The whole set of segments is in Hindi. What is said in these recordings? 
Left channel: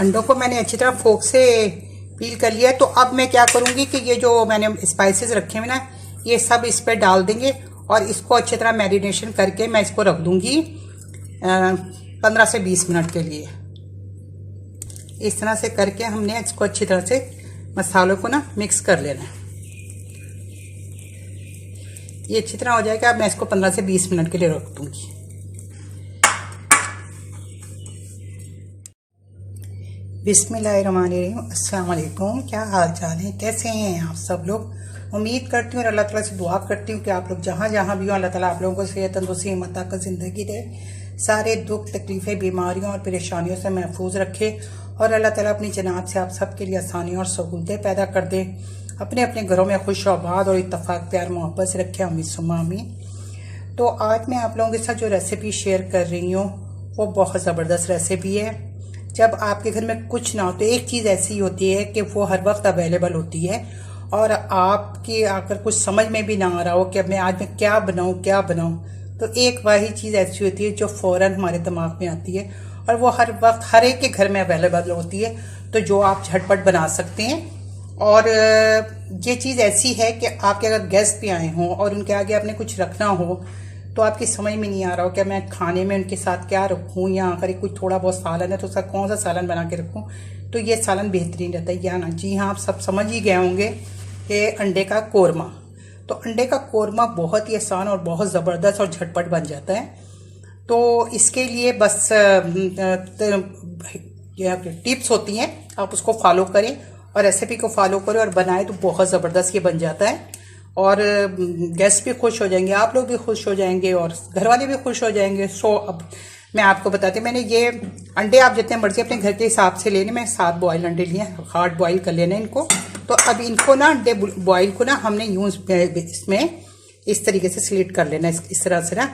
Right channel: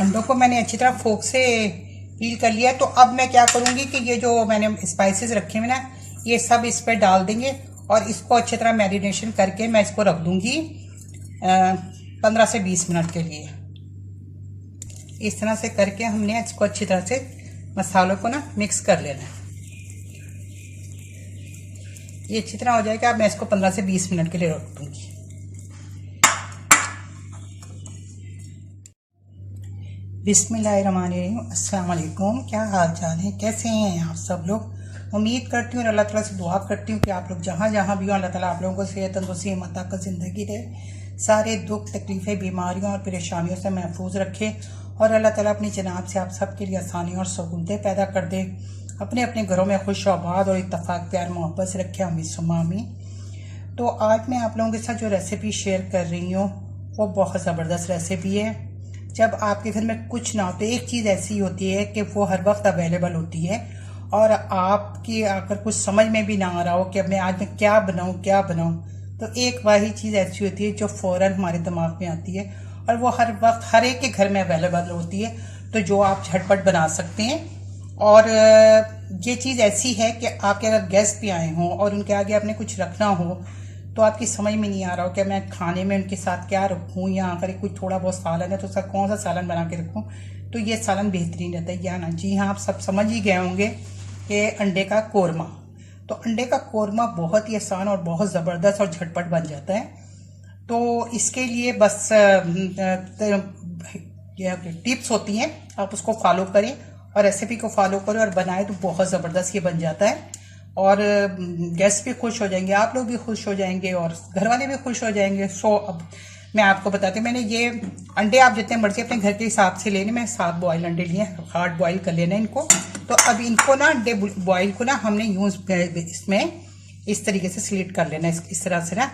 अंडों को मैंने अच्छी तरह फोक से पील कर लिया है। तो अब मैं क्या करूँगी कि ये जो मैंने स्पाइसेस रखे हुए ना, ये सब इस पर डाल देंगे और इसको अच्छी तरह मैरिनेशन करके मैं इसको रख दूँगी 15 से 20 मिनट के लिए। इस तरह से करके हमने इसको अच्छी तरह से मसालों को ना मिक्स कर लेना है। ये अच्छी तरह हो जाएगा। अब मैं इसको 15 से 20 मिनट के लिए रख दूँगी। बिस्मिल्लाहिर्रहमानिर्रहीम। अस्सलाम वालेकुम। क्या हाल चाल है, कैसे हैं आप सब लोग। उम्मीद करती हूँ और अल्लाह ताला से दुआ करती हूँ कि आप लोग जहाँ जहाँ भी हो, अल्लाह ताला आप लोगों को सेहत तंदुरुस्ती हिम्मत ताकत ज़िंदगी दे, सारे दुख तकलीफ़ें बीमारियों और परेशानियों से महफूज रखे और अल्लाह ताला अपनी जनाब से आप सब के लिए आसानी और सहूलतें पैदा कर दे। अपने अपने घरों में खुश आबाद और इत्तफाक प्यार मोहब्बत से रखे, आमीन सुम्मा आमीन। तो आज मैं आप लोगों के साथ जो रेसिपी शेयर कर रही हूँ वो बहुत ज़बरदस्त रेसिपी है। जब आपके घर में कुछ ना हो तो एक चीज़ ऐसी होती है कि वो हर वक्त अवेलेबल होती है और आपकी अगर कुछ समझ में भी ना आ रहा हो कि अब मैं आज में क्या बनाऊँ, तो एक वही चीज़ ऐसी होती है जो फ़ौरन हमारे दिमाग में आती है और वो हर वक्त हर एक के घर में अवेलेबल होती है, तो जो आप झटपट बना सकते हैं। और ये चीज़ ऐसी है कि आपके अगर गेस्ट भी आए हों और उनके आगे आपने कुछ रखना हो तो आपकी समझ में नहीं आ रहा हो कि मैं खाने में उनके साथ क्या रखूं, या अगर कुछ थोड़ा बहुत सालन है तो उसका कौन सा सालन बना के रखूं, तो ये सालन बेहतरीन रहता है। या ना, जी हाँ, आप सब समझ ही गए होंगे कि अंडे का कोरमा। तो अंडे का कोरमा बहुत ही आसान और बहुत ज़बरदस्त और झटपट बन जाता है। तो इसके लिए बस टिप्स होती हैं, आप उसको फॉलो करें और रेसिपी को फॉलो करें और बनाएं तो बहुत ज़बरदस्त ये बन जाता है और गेस्ट भी खुश हो जाएंगे, आप लोग भी खुश हो जाएंगे और घर वाले भी खुश हो जाएंगे। सो अब मैं आपको बताती हूँ, मैंने ये अंडे आप जितने मर्जी अपने घर के हिसाब से लेने, मैं 7 बॉयल अंडे लिए, हार्ड बॉयल कर लेना इनको। तो अब इनको ना अंडे बॉयल को ना हमने इसमें इस तरीके से स्लिट कर लेना, इस तरह से ना,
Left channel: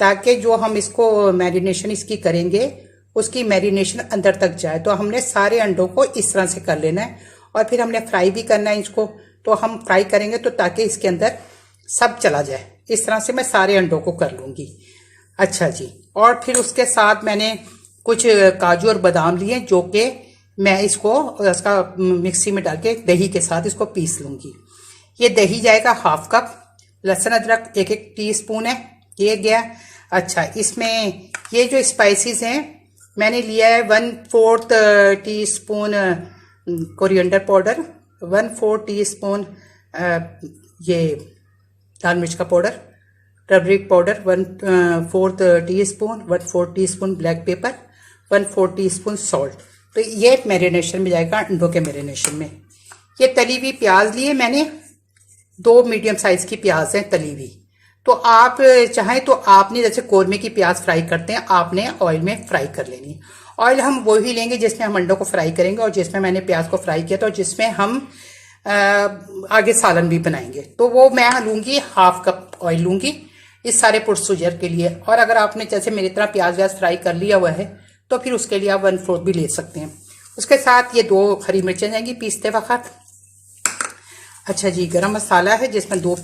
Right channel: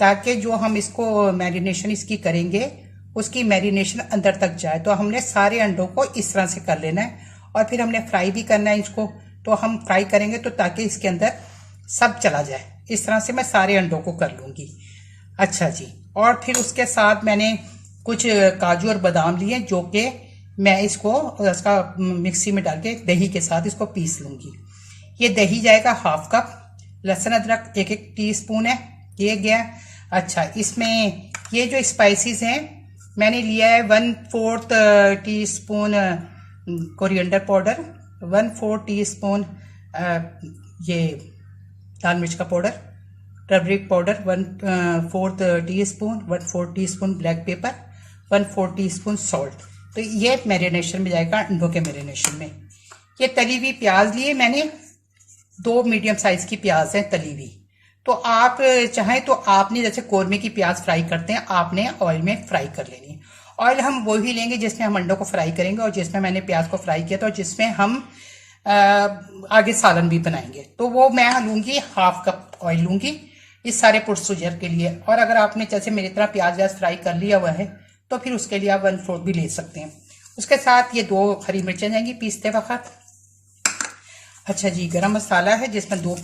ताकि जो हम इसको मैरिनेशन इसकी करेंगे उसकी मैरिनेशन अंदर तक जाए। तो हमने सारे अंडों को इस तरह से कर लेना है और फिर हमने फ्राई भी करना है इसको। तो हम फ्राई करेंगे तो ताकि इसके अंदर सब चला जाए। इस तरह से मैं सारे अंडों को कर लूँगी। अच्छा जी, और फिर उसके साथ मैंने कुछ काजू और बादाम लिए जो कि मैं इसको उसका मिक्सी में डाल के दही के साथ इसको पीस लूँगी। ये दही जाएगा ½ कप, लहसुन अदरक 1 टीस्पून है, ये गया। अच्छा, इसमें ये जो स्पाइसेस हैं मैंने लिया है 1/4 टीस्पून कोरिएंडर पाउडर, 1/4 टीस्पून ये लाल मिर्च का powder, turmeric powder 1/4 teaspoon, 1/4 teaspoon black pepper, 1/4 teaspoon salt. तो ये मैरिनेशन में जाएगा, अंडों के मैरिनेशन में। ये तली हुई प्याज लिए मैंने, 2 मीडियम साइज की प्याज है तली हुई। तो आप चाहें तो आपने जैसे कोरमे की प्याज फ्राई करते हैं, आपने ऑयल में फ्राई कर लेनी है। ऑयल हम वही लेंगे जिसमें हम अंडों को फ्राई करेंगे और जिसमें मैंने प्याज को फ्राई किया था और जिसमें हम आगे सालन भी बनाएंगे। तो वो मैं लूँगी ½ कप ऑयल लूँगी इस सारे प्रोसीजर के लिए। और अगर आपने जैसे मेरी तरह प्याज व्याज फ्राई कर लिया हुआ है तो फिर उसके लिए आप 1/4 भी ले सकते हैं। उसके साथ ये 2 हरी मिर्चें जाएंगी पीसते वक्त। अच्छा जी, गरम मसाला है जिसमें 2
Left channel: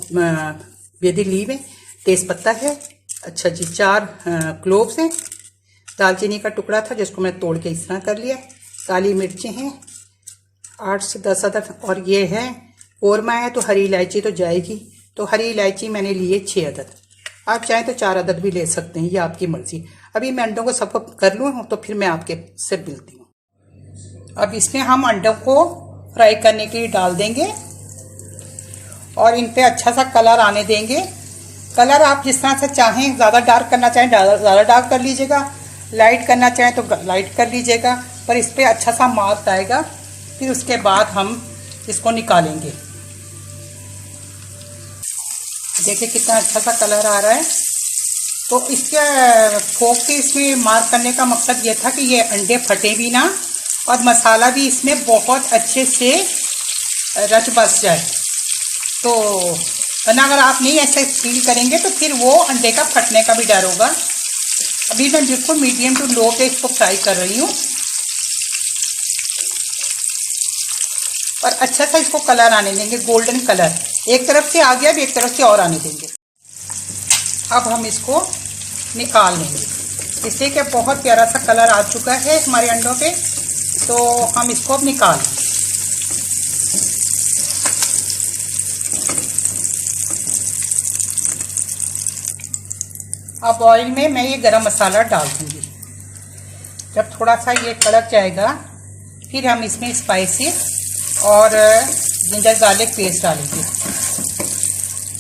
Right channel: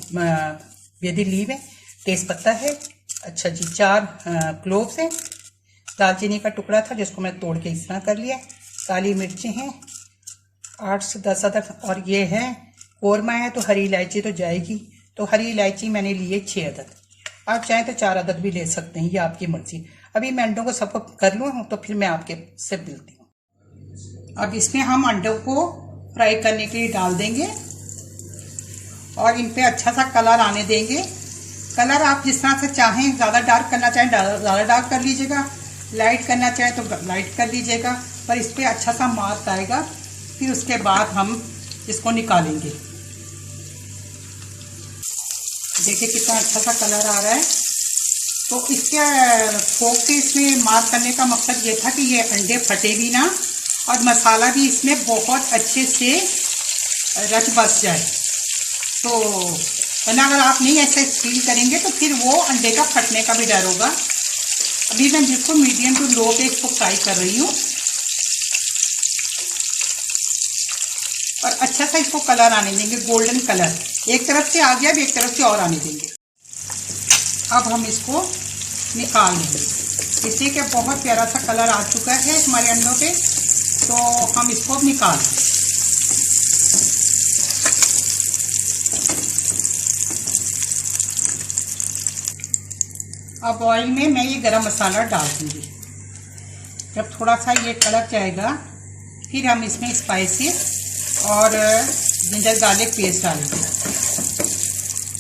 बेदी लीव है, तेज पत्ता है। अच्छा जी, 4 क्लोव्स हैं, दालचीनी का टुकड़ा था जिसको मैं तोड़ के इस तरह कर लिया, काली मिर्चें हैं 8 से 10 अदद, और ये है कोरमा है तो हरी इलायची तो जाएगी। तो हरी इलायची मैंने लिए 6 अदद, आप चाहें तो 4 अदद भी ले सकते हैं, ये आपकी मर्जी। अभी मैं अंडों को सबको कर लूँ तो फिर मैं आपके से मिलती हूँ। अब इसमें हम अंडों को फ्राई करने के लिए डाल देंगे और इन पे अच्छा सा कलर आने देंगे। कलर आप जिस तरह से चाहें, ज़्यादा डार्क करना चाहें ज़्यादा डार्क कर लीजिएगा, लाइट करना चाहें तो लाइट कर लीजिएगा, पर इस पर अच्छा सा मार्क आएगा। फिर उसके बाद हम इसको निकालेंगे। देखिए कितना अच्छा सा कलर आ रहा है। तो इसके फोक के इसमें मार्क करने का मकसद ये था कि ये अंडे फटे भी ना और मसाला भी इसमें बहुत अच्छे से रच बस जाए। तो वरना अगर आप नहीं ऐसे फील करेंगे तो फिर वो अंडे का फटने का भी डर होगा। अभी मैं बिल्कुल मीडियम टू लो पे इसको फ्राई कर रही हूँ और अच्छा सा इसको कलर आने देंगे, गोल्डन कलर। एक तरफ से आ गया, अब एक तरफ से और आने देंगे। अब हम इसको निकाल लेंगे। इससे क्या बहुत प्यारा सा कलर आ चुका है हमारे अंडों पे। तो हम इसको अब निकाल। अब ऑयल में मैं ये गरम मसाला डाल दूंगी। जब थोड़ा सा ये कड़क जाएगा फिर हम इसमें स्पाइसी और जिंजर गार्लिक पेस्ट डालेंगे।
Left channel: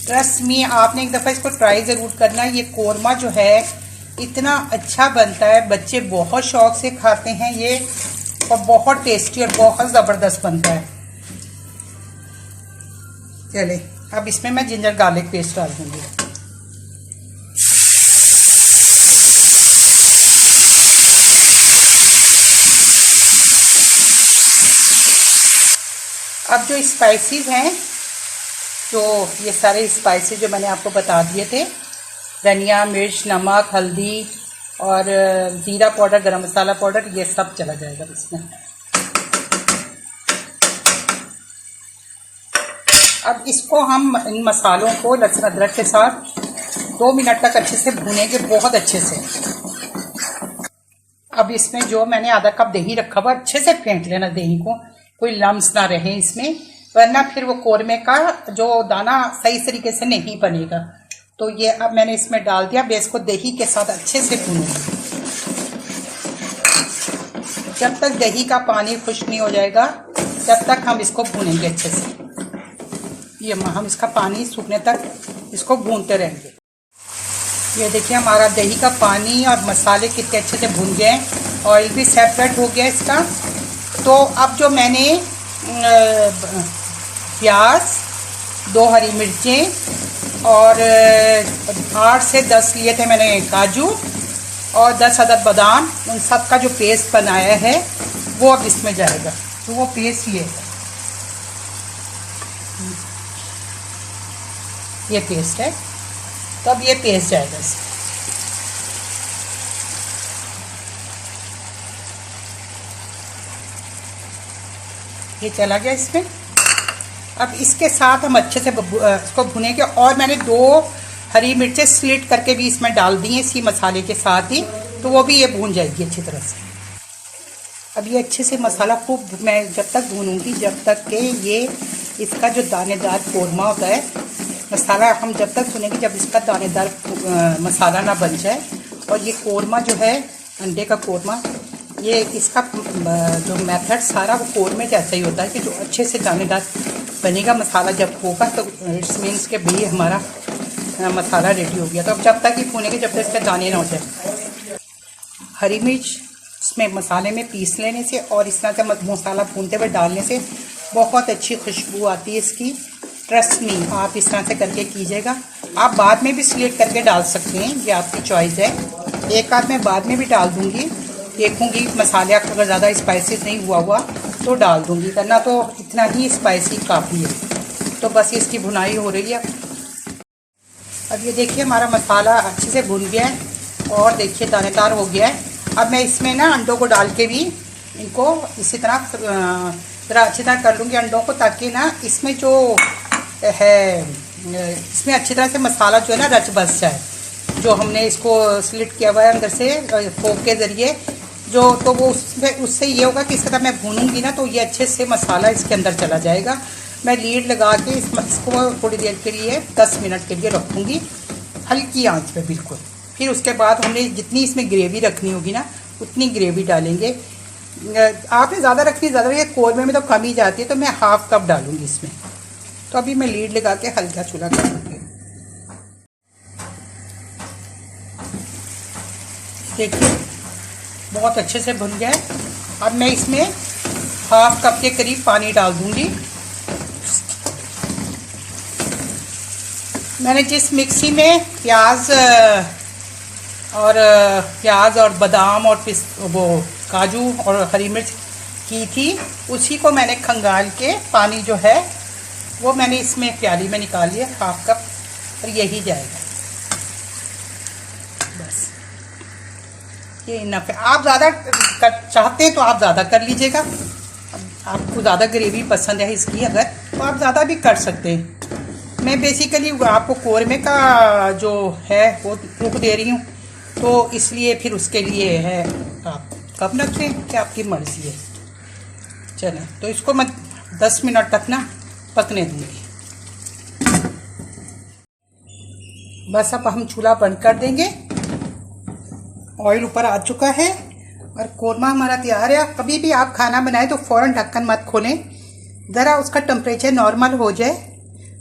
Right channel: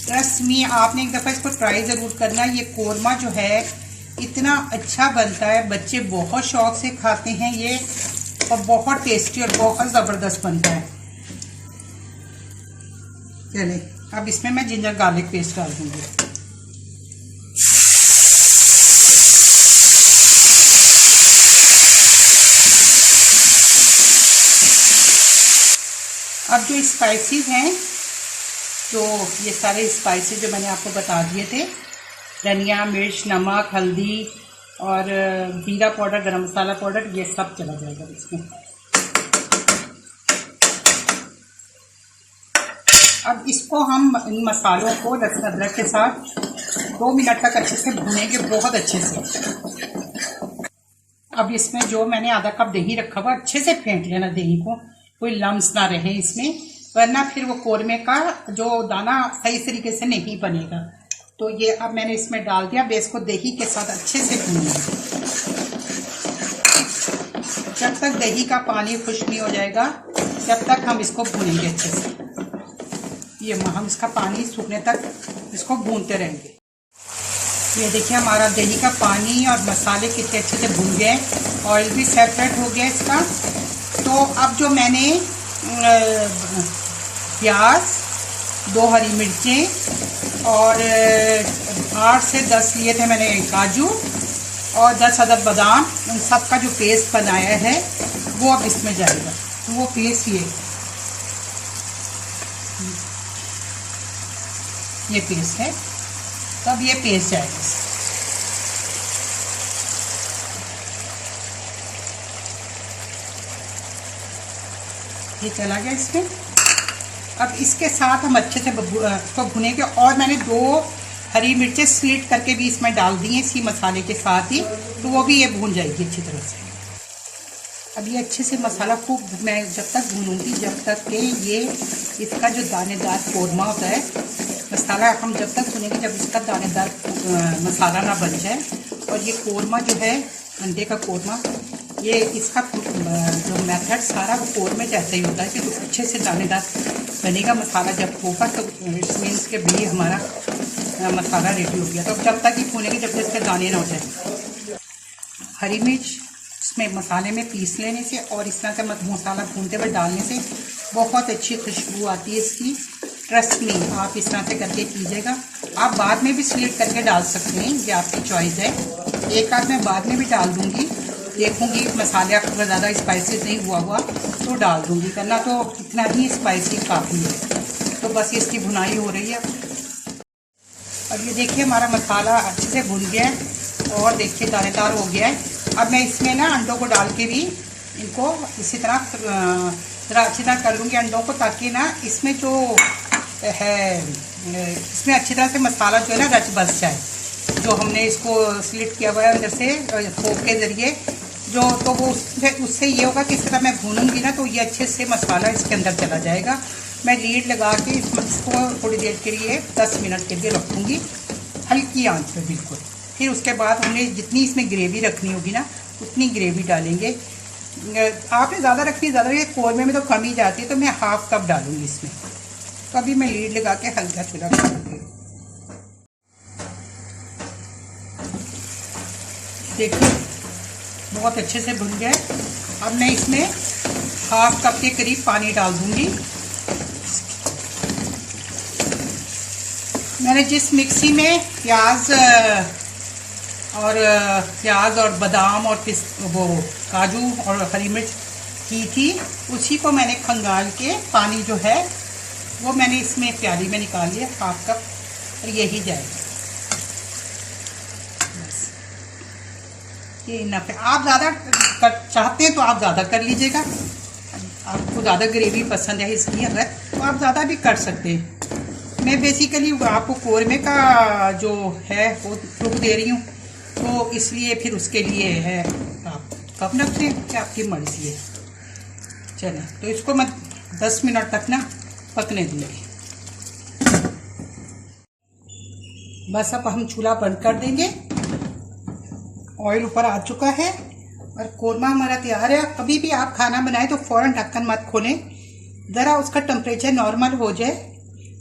ट्रस्ट मी, आपने एक दफ़ा इसको ट्राई ज़रूर करना। ये कोरमा जो है इतना अच्छा बनता है, बच्चे बहुत शौक से खाते हैं ये, और बहुत टेस्टी और बहुत ज़बरदस्त बनता है। चले अब इसमें मैं जिंजर गार्लिक पेस्ट डाल दूँगी। अब जो स्पाइसेस हैं, तो ये सारे स्पाइसेस जो मैंने आपको बता दिए थे, धनिया, मिर्च, नमक, हल्दी और जीरा पाउडर, गरम मसाला पाउडर, ये सब चला जाएगा इसमें। अब इसको हम इन मसालों को लहसुन अदरक के साथ 2 मिनट तक अच्छे से भूनेंगे, बहुत अच्छे से। अब इसमें जो मैंने आधा कप दही रखा हुआ, अच्छे से फेंट लेना दही को, कोई लम्स ना रहे इसमें, वरना फिर वो कोरमे का जो दाना सही तरीके से नहीं बनेगा। तो ये अब मैंने इसमें डाल दिया। बेस को दही के साथ अच्छे से भूनेंगे जब तक दही का पानी खुश्क नहीं हो जाएगा, तब तक हम इसको भूनेंगे अच्छे से। ये हम इसका पानी सूखने तक इसको भूनते रहेंगे। ये देखिए हमारा दही का पानी और मसाले कितने अच्छे से भून गए, ऑयल भी सेपरेट हो गया इसका। तो अब जो मैंने प्याज, 2 हरी मिर्चें और 8 से 10 लिए थे मैंने काजू और 10 अदद बादाम, उन सब का जो पेस्ट बनाया है वो अब इसमें जाएगा। तो वो पेस्ट ये पेस्ट है, तब ये पेस्ट जाएगा इसमें। ये चला गया इसमें। अब इसके साथ हम अच्छे से इसको भुनेंगे। और मैंने 2 हरी मिर्चें स्लिट करके भी इसमें डाल दी हैं इसी मसाले के साथ ही, तो वो भी ये भून जाएगी अच्छी तरह से। अब ये अच्छे से मसाला खूब मैं जब तक भूनूंगी जब तक कि ये इसका जो दानेदार कोरमा होता है, मसाला हम जब तक भुनेंगे जब इसका दानेदार मसाला ना बन जाए। और ये कोरमा जो है अंडे का कोरमा, ये इसका जो मेथड सारा वो कोरमे जैसा ही होता है कि जो अच्छे से दानेदार बनेगा मसाला जब होगा, तो इट्स मीन्स के भी हमारा मसाला रेडी हो गया। तो अब जब तक ही भूनेंगे जब तक इसके दाने ना हो जाए। हरी मिर्च इसमें मसाले में पीस लेने से और इस तरह से मसाला भूनते हुए डालने से बहुत अच्छी खुशबू आती है इसकी। ट्रस्ट मी, आप इस तरह से करके कीजिएगा। आप बाद में भी स्लिट करके डाल सकते हैं, ये आपकी चॉइस है। एक आध मैं बाद में भी डाल दूँगी, देखूंगी मसाले अगर ज़्यादा स्पाइसी नहीं हुआ तो डाल दूंगी, करना तो इतना ही स्पाइसी काफ़ी है। तो बस इसकी भुनाई हो रही है। अब ये देखिए हमारा मसाला अच्छे से भुन गया है और देखिए दानेदार हो गया है। अब मैं इसमें ना अंडों को डाल के भी इनको इसी तरह ज़रा अच्छी तरह कर लूँगी अंडों को, ताकि ना इसमें जो है इसमें अच्छी तरह से मसाला जो है ना रच बस जाए। जो हमने इसको स्लिट किया हुआ है अंदर से फोक के ज़रिए जो, तो वो उससे ये होगा कि इस तरह मैं भूनूंगी ना तो ये अच्छे से मसाला इसके अंदर चला जाएगा। मैं लीड लगा के इसको थोड़ी देर के लिए 10 मिनट के लिए रखूँगी हल्की आंच पे बिल्कुल। फिर उसके बाद हमने जितनी इसमें ग्रेवी रखनी होगी ना उतनी ग्रेवी डालेंगे। आपने ज़्यादा रखनी ज़्यादा रखी, कोरमे में तो कम ही जाती है, तो मैं ½ कप डालूँगी इसमें। तो अभी मैं लीड लगा के हल्का चूल्हा कर दूँगी। देखिए बहुत अच्छे से भुन गया। अब मैं इसमें ½ कप के करीब पानी डाल दूंगी। मैंने जिस मिक्सी में प्याज और बादाम और वो काजू और हरी मिर्च की थी, उसी को मैंने खंगाल के पानी जो है वो मैंने इसमें प्याली में निकाल लिया ½ कप, और यही जाएगा बस। ये इनफ है। आप ज़्यादा चाहते हैं तो आप ज़्यादा कर लीजिएगा। आपको ज़्यादा ग्रेवी पसंद है इसकी अगर, तो आप ज़्यादा भी कर सकते हैं। मैं बेसिकली आपको कोरमे का जो है वो लुक दे रही हूँ, तो इसलिए फिर उसके लिए है आप कब न रखें कि आपकी मर्ज़ी है। चलें, तो इसको मैं 10 मिनट तक ना पकने दूंगी। बस अब हम चूल्हा बंद कर देंगे। ऑयल ऊपर आ चुका है और कोरमा हमारा तैयार है। अब कभी भी आप खाना बनाएं तो फौरन ढक्कन मत खोलें, ज़रा उसका टेम्परेचर नॉर्मल हो जाए,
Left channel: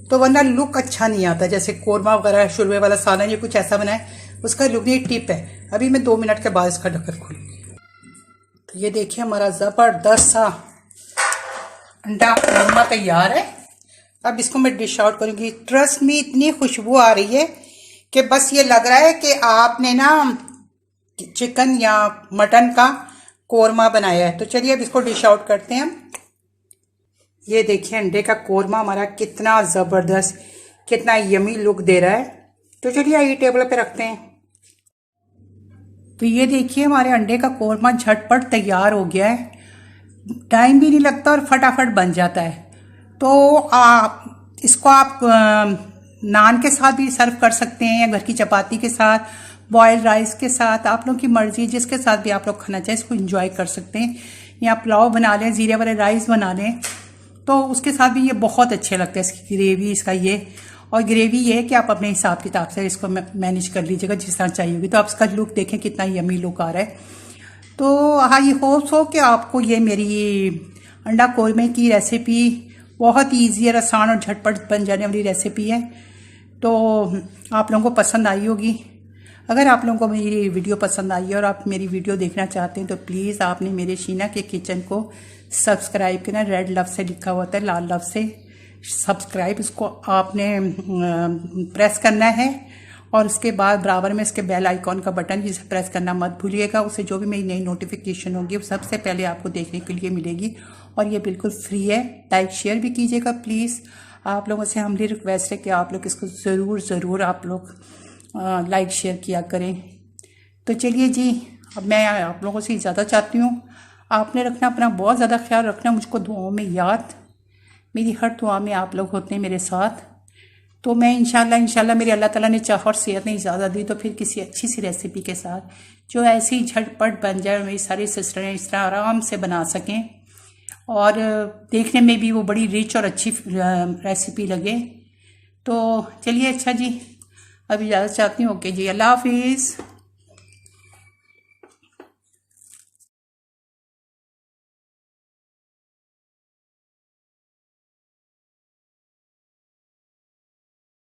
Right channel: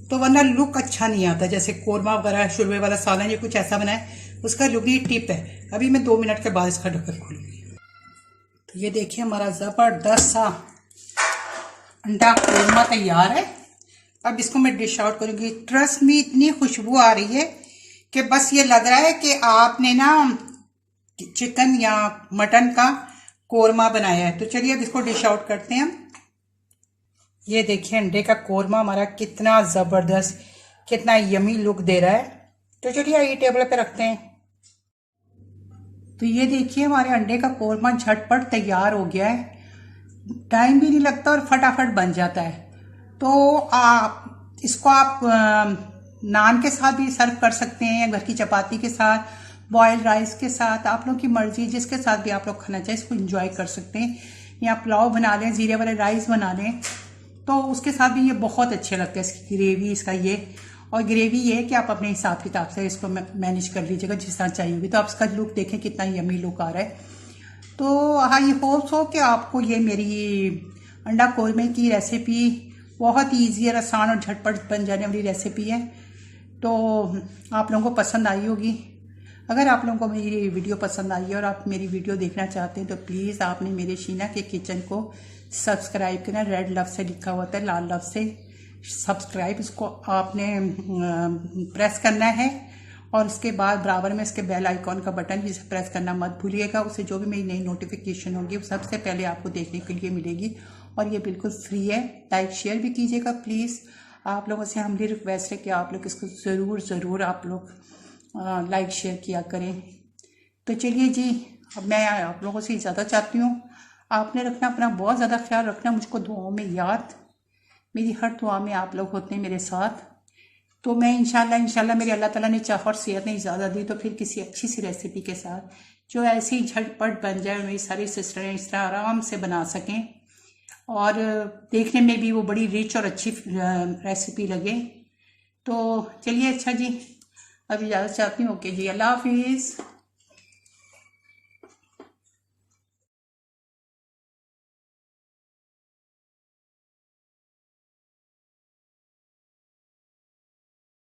तो वरना लुक अच्छा नहीं आता। जैसे कोरमा वगैरह, शुरवे वाला सालन या कुछ ऐसा बनाए, उसका लुक नहीं। टिप है, अभी मैं 2 मिनट के बाद इसका ढक्कन खोलूँगी। तो ये देखिए हमारा ज़बरदस्त सा अंडा कोरमा तैयार है। अब इसको मैं डिश आउट करूँगी। ट्रस्ट में इतनी खुशबू आ रही है कि बस ये लग रहा है कि आपने ना चिकन या मटन का कोरमा बनाया है। तो चलिए अब इसको डिश आउट करते हैं हम। ये देखिए अंडे का कोरमा हमारा कितना ज़बरदस्त, कितना यमी लुक दे रहा है। तो चलिए ये टेबल पे रखते हैं। तो ये देखिए हमारे अंडे का कोरमा झटपट तैयार हो गया है। टाइम भी नहीं लगता और फटाफट बन जाता है। तो इसको आप नान के साथ भी सर्व कर सकते हैं, या घर की चपाती के साथ, बॉयल्ड राइस के साथ, आप लोगों की मर्जी, जिसके साथ भी आप लोग खाना चाहें इसको एंजॉय कर सकते हैं। या पुलाव बना लें, जीरे वाले राइस बना लें, तो उसके साथ भी ये बहुत अच्छे लगते हैं। इसकी ग्रेवी, इसका ये, और ग्रेवी ये है कि आप अपने हिसाब किताब से इसको मैनेज कर लीजिएगा जिस तरह चाहिए होगी। तो आप इसका लुक देखें कितना यमी लुक आ रहा है। तो आई होप्स हो कि आपको ये मेरी अंडा कोरमे की रेसिपी बहुत ईजी और आसान और झटपट बन जाने वाली रेसिपी है, तो आप लोगों को पसंद आई होगी। अगर आप लोगों को मेरी वीडियो पसंद आई है और आप मेरी वीडियो देखना चाहते हैं, तो प्लीज़ आपने मेरे शीना के किचन को सब्सक्राइब करना। रेड लव से लिखा हुआ है, लाल लव से सब्सक्राइब, इसको आपने प्रेस करना है। और उसके बाद बराबर में इसके बेल आइकॉन का बटन, जिसे प्रेस करना मत भूलिएगा। उससे जो भी मेरी नई नोटिफिकेशन होगी वो सबसे पहले आपको देखने के लिए मिलेगी, और ये बिल्कुल फ्री है। लाइक शेयर भी कीजिएगा प्लीज़। आप लोगों से हमारी रिक्वेस्ट है कि आप लोग इसको ज़रूर आप लोग लाइक शेयर किया करें। तो चलिए जी, अब मैं आप लोगों से ज़्यादा चाहती हूँ, आपने रखना अपना बहुत ज़्यादा ख्याल रखना, मुझको दुआओं में याद। मेरी हर दुआ में आप लोग होते हैं मेरे साथ। तो मैं इंशाल्लाह मेरी अल्लाह ताला ने चाह और सेहत नहीं ज़्यादा दी, तो फिर किसी अच्छी सी रेसिपी के साथ जो ऐसी झटपट बन जाए, मेरी सारी सिस्टरें इस तरह आराम से बना सकें और देखने में भी वो बड़ी रिच और अच्छी रेसिपी लगे। तो चलिए अच्छा जी, अभी ज़्यादा चाहती हूँ। ओके जी, अल्लाह हाफिज़।